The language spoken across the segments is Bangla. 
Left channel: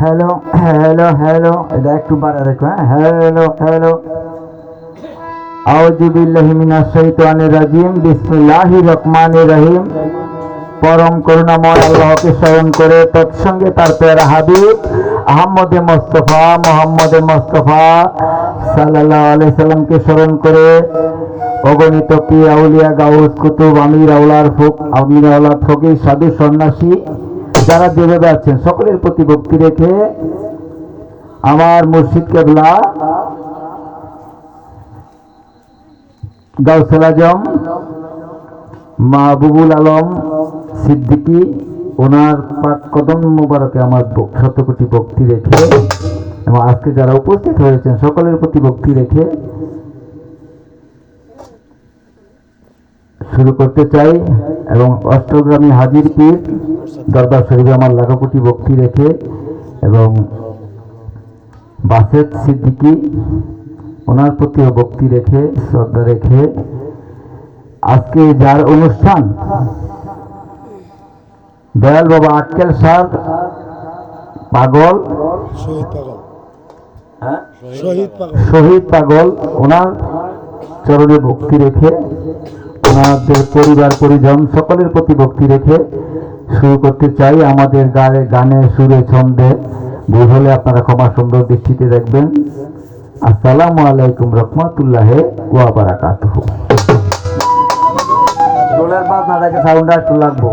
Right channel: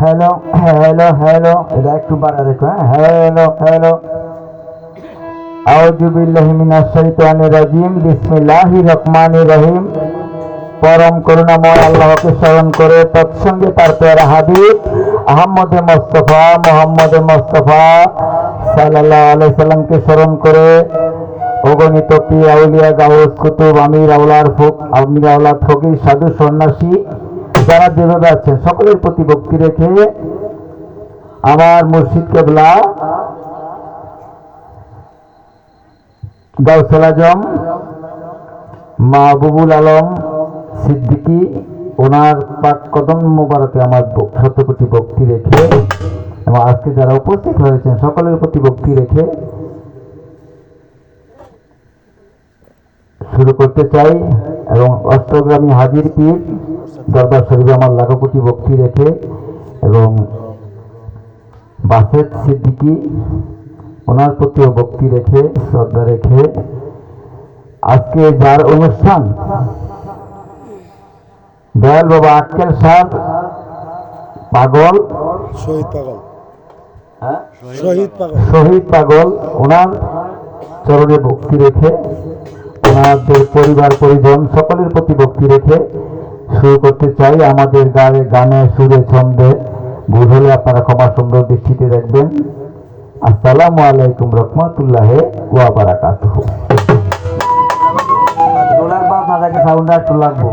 হ্যালো হ্যালো হ্যালো, এটা একটু বাড়া রেখো। Hello hello. আউযু বিল্লাহি মিনাশ শাইতানির রাজিম। বিসমিল্লাহির রহমানির রহিম। পরম করুণাময় আল্লাহকে স্মরণ করে তৎসঙ্গে তার প্যারা হাবিব আহমদে মুস্তাফা মোহাম্মদে মুস্তাফা সাল্লাল্লাহু আলাইহি সাল্লামকে স্মরণ করে অগণিত পীর আউলিয়া গাউস কুতুব আমির আওলাদ ফকির সাধু সন্ন্যাসী যারা দূরে আছেন সকলের প্রতি ভক্তি রেখে আমার মুর্শিদ কেবলা গাউসুল আজম মাহবুবুল আলম সিদ্দিকী ওনার পাক কদম মোবারকে আমার শতকোটি ভক্তি রেখে এবং আজকে যারা উপস্থিত হয়েছেন সকলের প্রতি ভক্তি রেখে শুরু করতে চাই এবং অষ্টগ্রামী হাজির পীর দরবার শরীফে আমার লাখো কোটি ভক্তি রেখে এবং বাসেদ সিদ্দিকী ওনার প্রতিও ভক্তি রেখে শ্রদ্ধা রেখে আজকে যার অনুষ্ঠান দয়াল বাবা আক্কেল সাহ পাগল শহীদ পাগল ওনার চরণে ভক্তি রেখে ওনাদের পরিবার পরিজন সকলের প্রতি ভক্তি রেখে শুরু করতে চাই। আমাদের গানে সুরে ছন্দে ভুল হলে আপনারা ক্ষমা সুন্দর দৃষ্টিতে দেখবেন। আসসালামু আলাইকুম রহমতুল্লাহি ওয়া বারাকাতুহু। ডোলার বাস না থাকে সাউন্ডটা একটু লাগবো,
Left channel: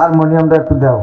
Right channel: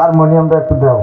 হারমোনিয়ামটা একটু দাও।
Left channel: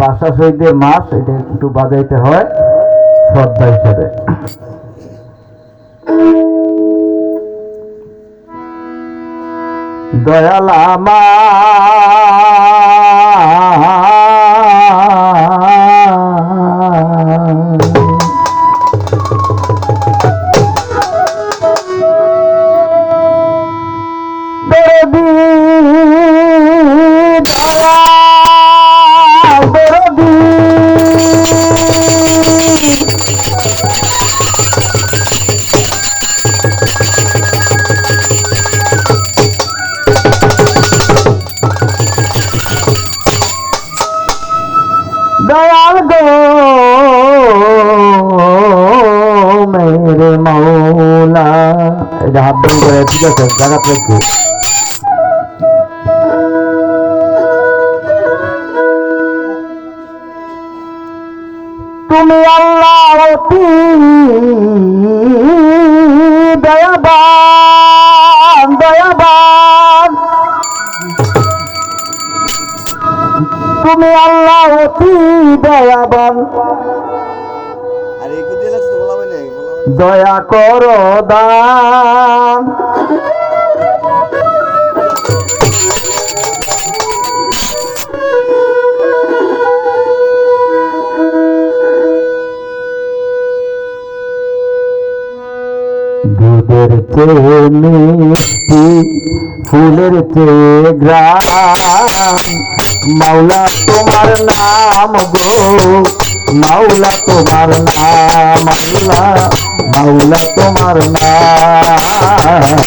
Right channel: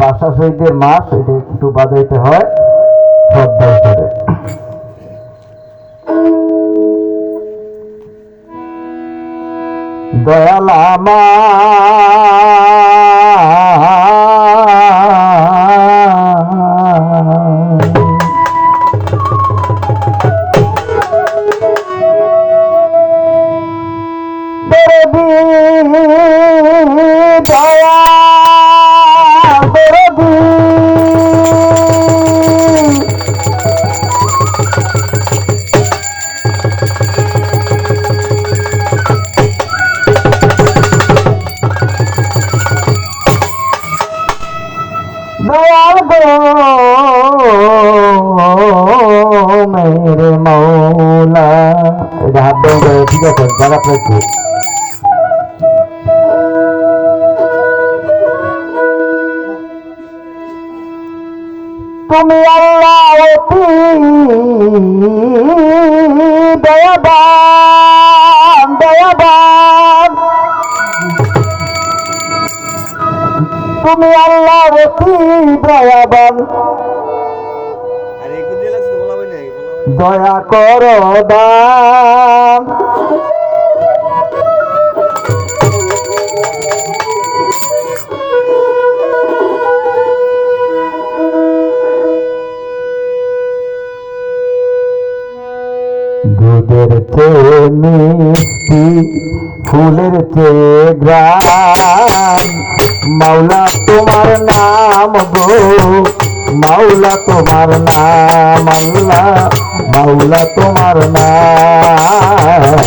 বাসা শহীদের মাস, এটা একটু বাজাইতে হয় শ্রদ্ধা হিসেবে। দয়াল দয়াল গো মেরে মৌলা। এটা হাত ধরে ঠিক আছে জায়গা থেকে তুমি আল্লাহ অতি দয়াবান দয়াবান, তুমি আল্লাহ অতি দয়াবান, দয়া করো দান। দুধের চেয়ে মিষ্টি ফুলের চেয়ে গ্রাম, মাওলা তোমার নাম গো, মাওলা তোমার নাম, আল্লাহ মাওলা তোমার নাম।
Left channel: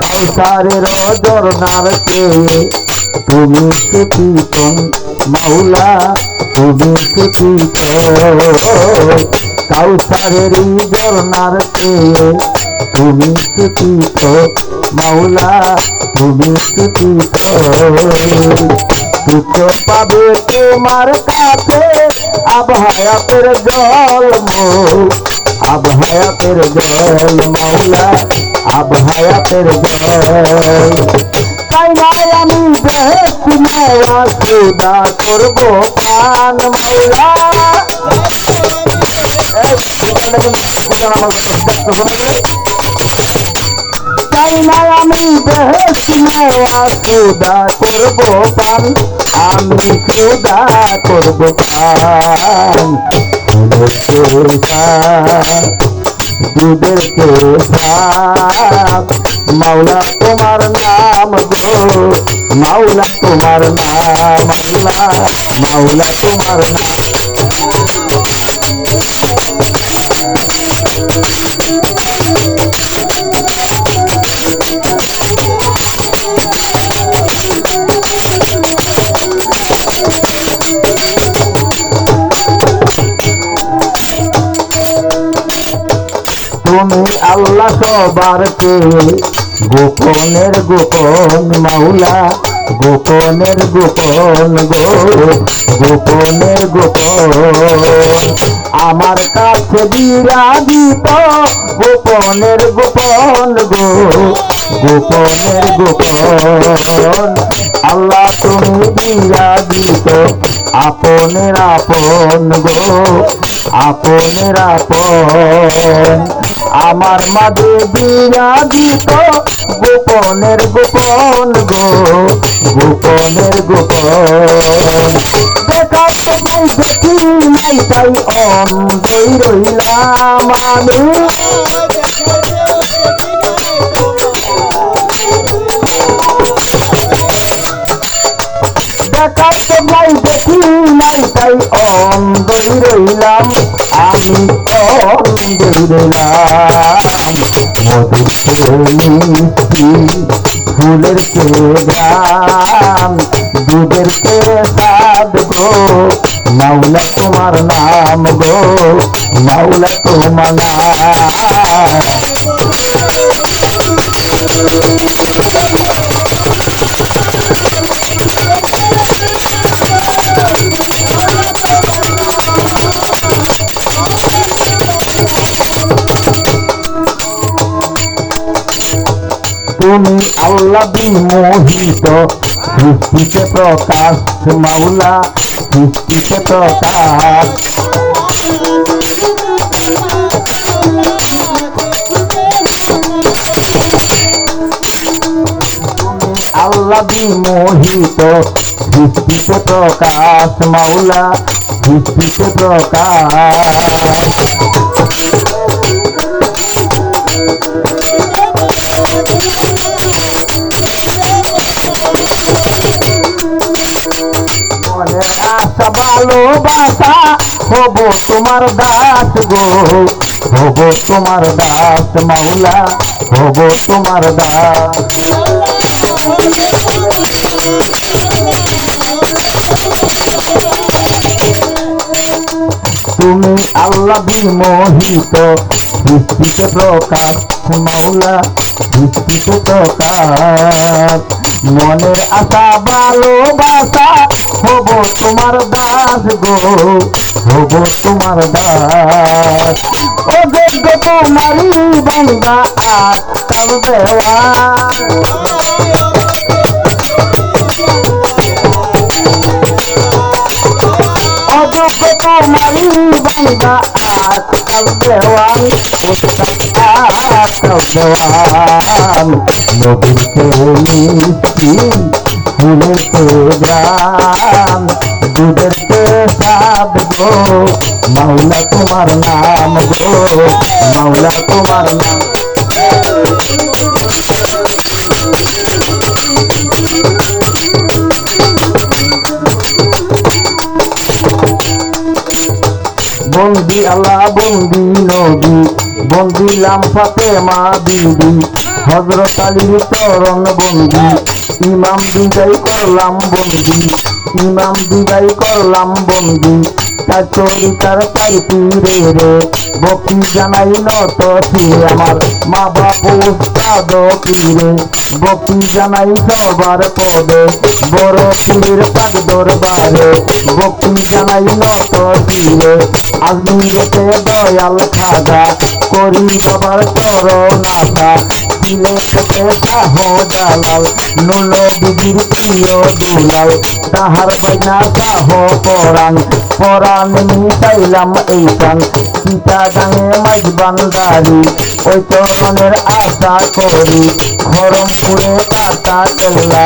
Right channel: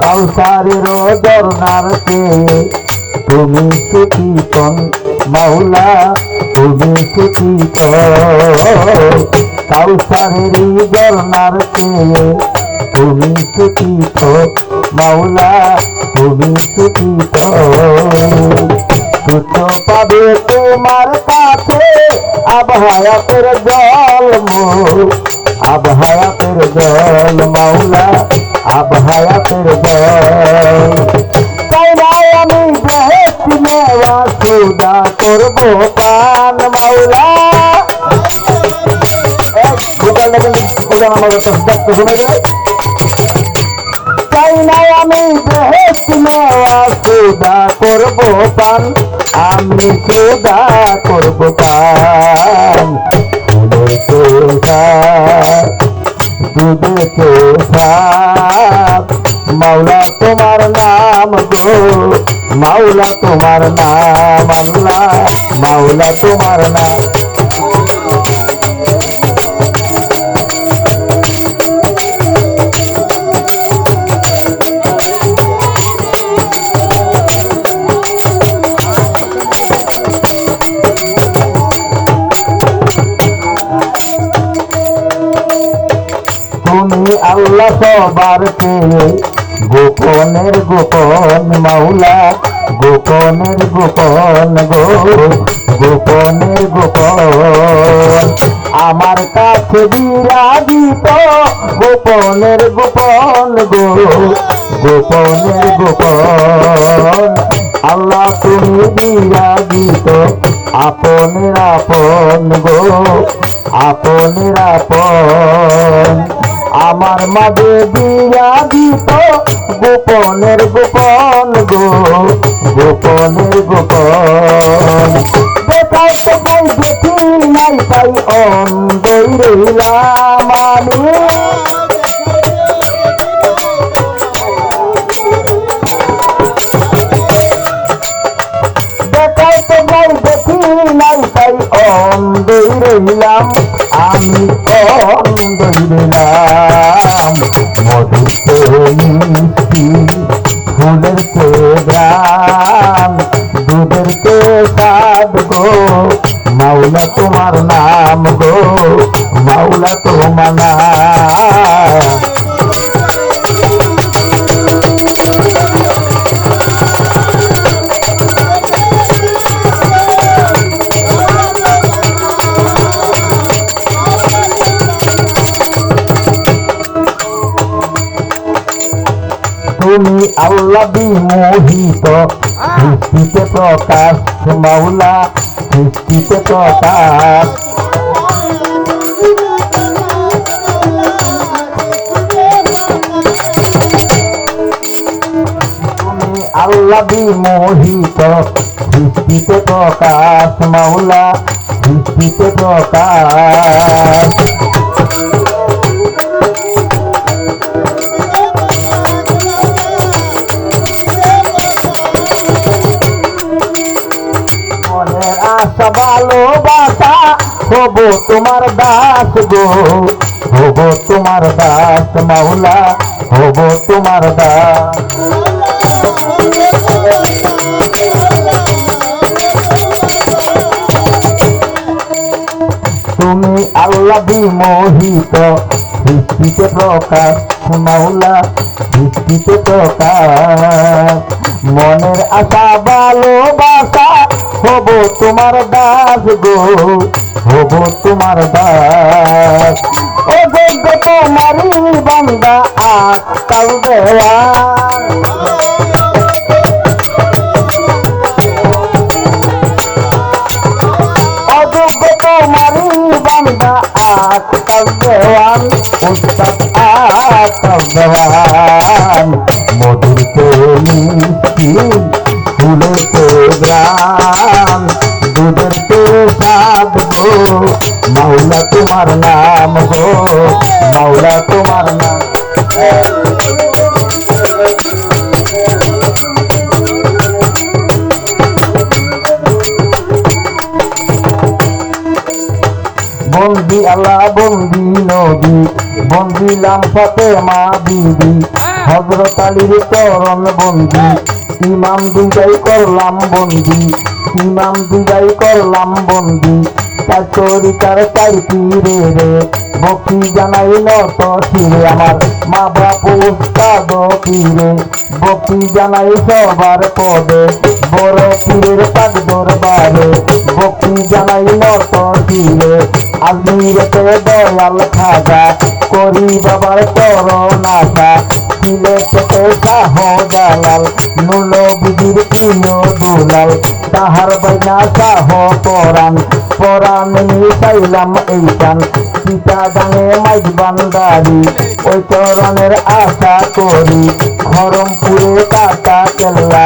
কাউসারের ঝরনার চেয়ে তুমি সুখীতন, মাওলা তুমি সুখীতন। কাউসারের ঝরনার চেয়ে তুমি সুখীত, মাওলা তুমি সুখীত। সুখ পাবে তোমার কাছে আবহায়াতের জল মোর, আবহায়াতের জল মাওলা আবহায়াতের জল। তাই নাই আমি বেহেশতি নেওয়া সৌদা করব পান মাওলা। চাই নাই আমি বেহেশতি নেওয়া সৌদা করব পান, আমি সৌদা করব পান। দুধের চোষা মাওলা তোমার নাম গো, মাওলা তোমার নাম, আল্লাহ মাওলা তোমার নাম। তুমি আল্লাহ সবার চেয়ে গোপনের গোপন, মাওলা গোপনের গোপন গো, গোপনের গোপন। আমার কাছে বিরাজিত গোপনের গোপন গো, গোপনের গোপন। আল্লাহ তুমি বিরাজিত আপনের আপন গো, আপনের আপন। আমার মাঝে বিরাজিত গোপনের গোপন গো, গোপনের গোপন। দেখা তো দেখি নাই তাই অন্ধই রইলাম আমি। দেখা তো দেখি নাই তাই অন্ধই রইলাম আমি, অন্ধই রইলাম। মিষ্টি ফুলের গ্রাম, দুধের স্বাদ গো, মাওলা তোমার নাম গো, মাওলা তোমার নাম। তুমি আল্লাহ বিমোহিত সৃষ্টিতে প্রকাশ, মাওলা সৃষ্টিতে প্রকাশ। তুমি আল্লাহ বিমোহিত সৃষ্টিতে প্রকাশ মাওলা, সৃষ্টিতে প্রকাশ। মনে আশা ভালোবাসা হব তোমার দাস গো, হব তোমার দাস মাওলা, হব তোমার দাস। তুমি আল্লাহ বিমোহিত, সৃষ্টিতে প্রকাশ মাওলা, সৃষ্টিতে প্রকাশ। মনের আশা ভালোবাসা হব তোমার দাস গো, হব তোমার দাস। ও যোগ্য তোমারই বান্দা আজকাল দেওয়া, অযোগ্য তোমারই বান্দা আজকাল দেওয়ান, উস্তাদ আজকাল দেওয়ান। নদীর তো মিষ্টি, ফুলের তো গ্রাম, দুধের তো স্বাদ গো, মাওলা তোমার নাম গো, মাওলা তোমার নাম। বন্দি আল্লাহ বন্দি নবী, বন্দিলাম ফাতেমা বিবি, হযরত আলীর চরণ বন্দি, ইমাম দুজাই করলাম বন্দি, ইমাম দুজাই করলাম বন্দি। তার চরিতার চাই পীরে রে, বকি জানাই নত শিরে আমার মা বাপ উস্তাদ পীরে, বকি জানাই সবার পদে বড় পীরের পাক দরবারে, বকি জানাই নত শিরে। আজমিরেতে দয়াল খাজা, করি বাবার চরণ আশা, সিলেটেতে শাহ জালাল, নুল বিবির প্রিয় দুলাল, তাহার বাইনা শাহ পরাণ, পরাণ মিশাইলাম এই টান। চিটাগাঙে মাইজ বান্দারি, ওই চরণের আশা করি, খরমপুরে কাটা কেল্লা,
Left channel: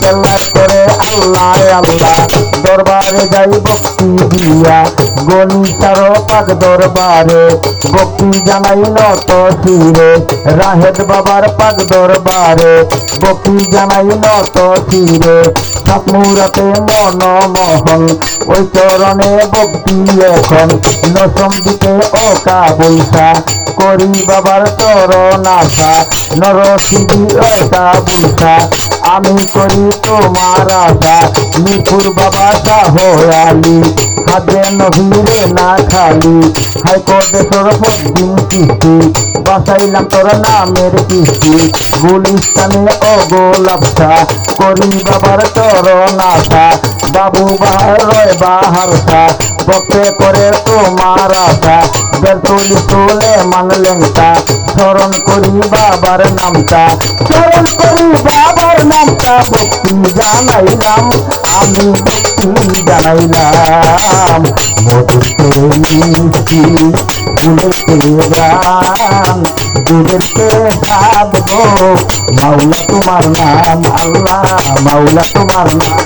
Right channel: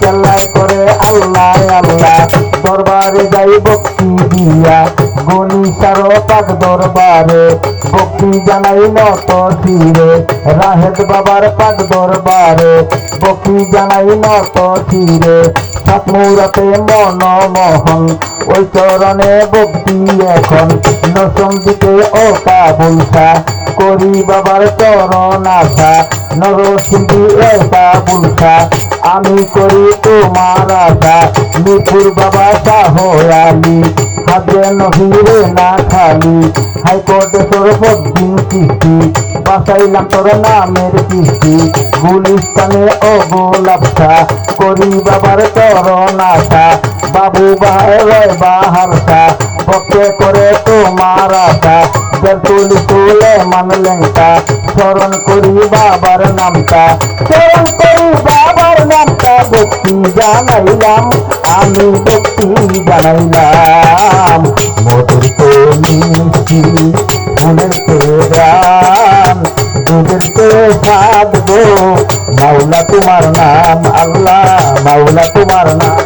কেল্লার করে আল্লাহ আল্লাহ, দরবারে যাই ভক্তি দিয়া, গণিতার পাক দরবারে, ভক্তি জানাই নত শিরে, রাহেদ বাবার পাক দরবারে, ভক্তি জানাই নত শিরে। সাতমুরাতে মনমোহন, ওই চরণে ভক্তি এখন, নসঙ্গীতে ও কাবুলসা, করি বাবার চরণ আশা, নরসিংহী এ কাবুলসা, আমি করি তোমার আশা। মিরপুর বাবা শাহ আলী, খাদ্রে নভীরে না খালি, হাইকোর্টে সরফদ্দিন কিস্তি, বাসাইলাম তোর নামের কিস্তি, গুলিস্তানে ও গোলাপসা, করি বাবার চরণ আশা। বাবু বাহার বাহারসা, ভক্তে করে তোমার আশা, বেলতুল তুলে মানলেংটা, স্মরণ করি বাবার নামটা, স্মরণ করি বাবার নামটা। ভক্তি জানাইলাম আমি, ভক্তি জানাইলাম। মধুর তো মিষ্টি, ফুলের তো গ্রাম, দুধের তো স্বাদ গো, মাওলা তোমার নাম আল্লাহ, মাওলা তোমার নাম।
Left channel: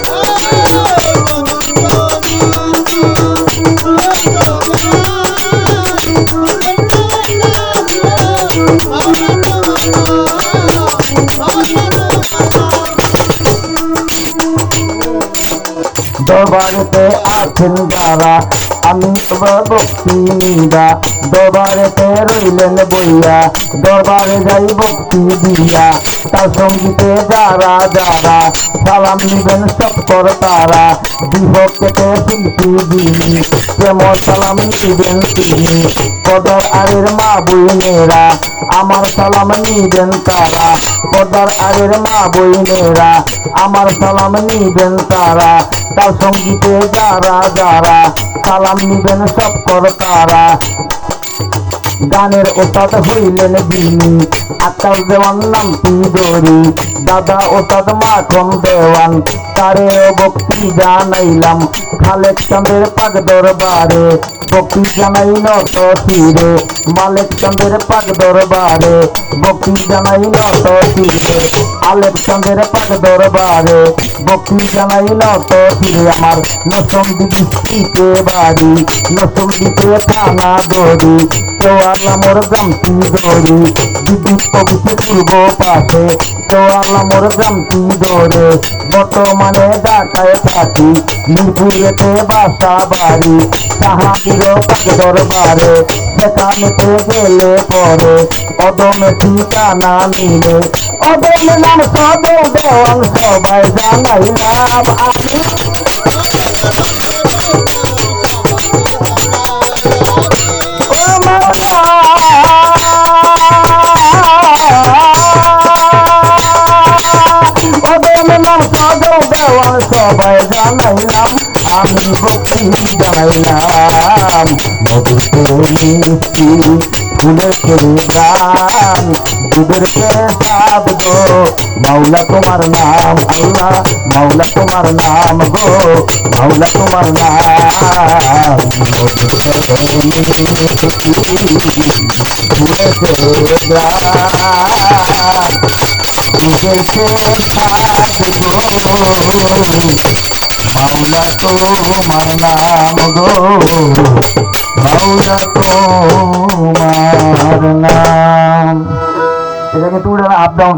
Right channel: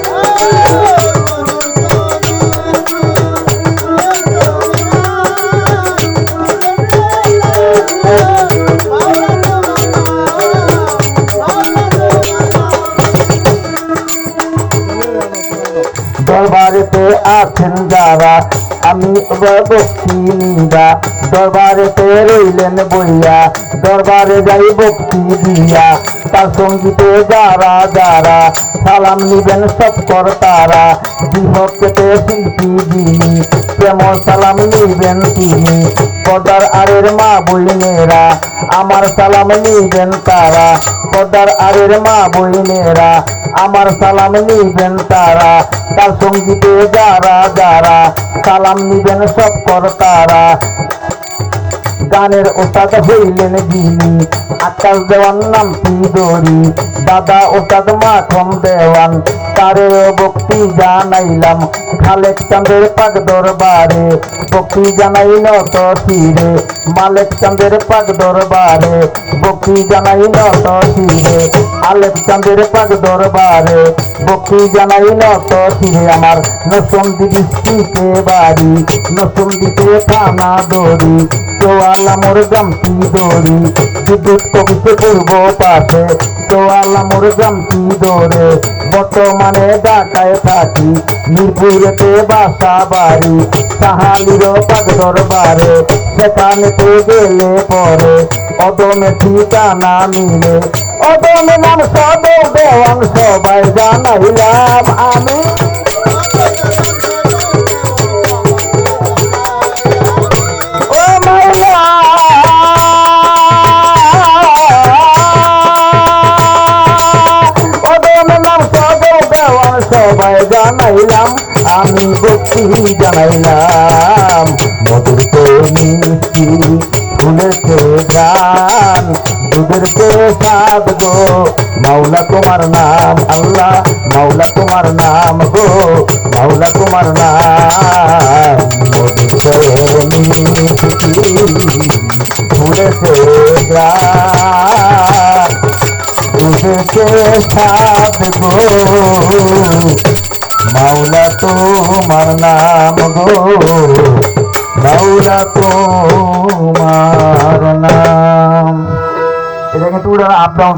দরবারেতে আছেন যারা, আমি ভক্তি নিন্দা, দরবারেতে রইলেন বইয়া, দরবারে যাই ভক্তি দিয়া। তার সঙ্গীতে যারা যারা, সালাম নিবেন সব কর তারা, বিভক্তে শিল্পী যিনি, প্রেম সালাম নিবেন তিনি। পর্দার আরের মা বইনেরা, আমার সালাম নিবেন তারা, পর্দার আরের মা বইনেরা, আমার সালাম নিবেন তারা। তার সঙ্গীতে যারা যারা, সালাম নিবেন সব কর তারা। গানের ওস্তাদ হইলেন যিনি, আকাশ দেওয়ান নামটি দড়ি, দাদা ওস্তাদ মাখন দেওয়ান, তারে ভক্তি জানাইলাম। খালেক চাঁদের পাক দরবারে, ভক্তি জানাই নত শিরে, মালেক চাঁদের পাক দরবারে, ভক্তি জানাই নত শিরে, আলেক চাঁদের পাক দরবারে, ভক্তি জানাই নত শিরে আমার নসন্দি ডিস্ট্রিক্টে বাড়ি নসন্দিতে থানা দড়ি চোয়াল্লা মোর গ্রামটি দড়ি বিদ্যুৎ অফিসে পূর্ব পাশে চোয়াল্লা মোর গ্রামটি দৌড়ে বর্তমানে ঢাকায় থাকি মিরপুরেতে বাসা বাড়ি সাহালির পাক দরবারে সেখানেতে গেলে পরে অদমে ঠিকানা নিলে অদমে নাম সবে দেওয়ান সবাই জানাইলাম আমি ও মাওলা অদমে নাম সবে দেওয়ান সবাই জানাইলাম আমি ভক্তি জানাইলাম মধুর তৈরি ফুলেছে গান দুধের প্রসাদ গো মাওলা তোমার নাম আল্লাহ মাওলা তোমার নাম গো মাওলা তোমার নাম মধুর তৈরি ফুলেছে গান দুধের প্রসাদ গো মাওলা তোমার নাম গো মাওলা তোমার নাম এটা কিন্তু আপ ডাউন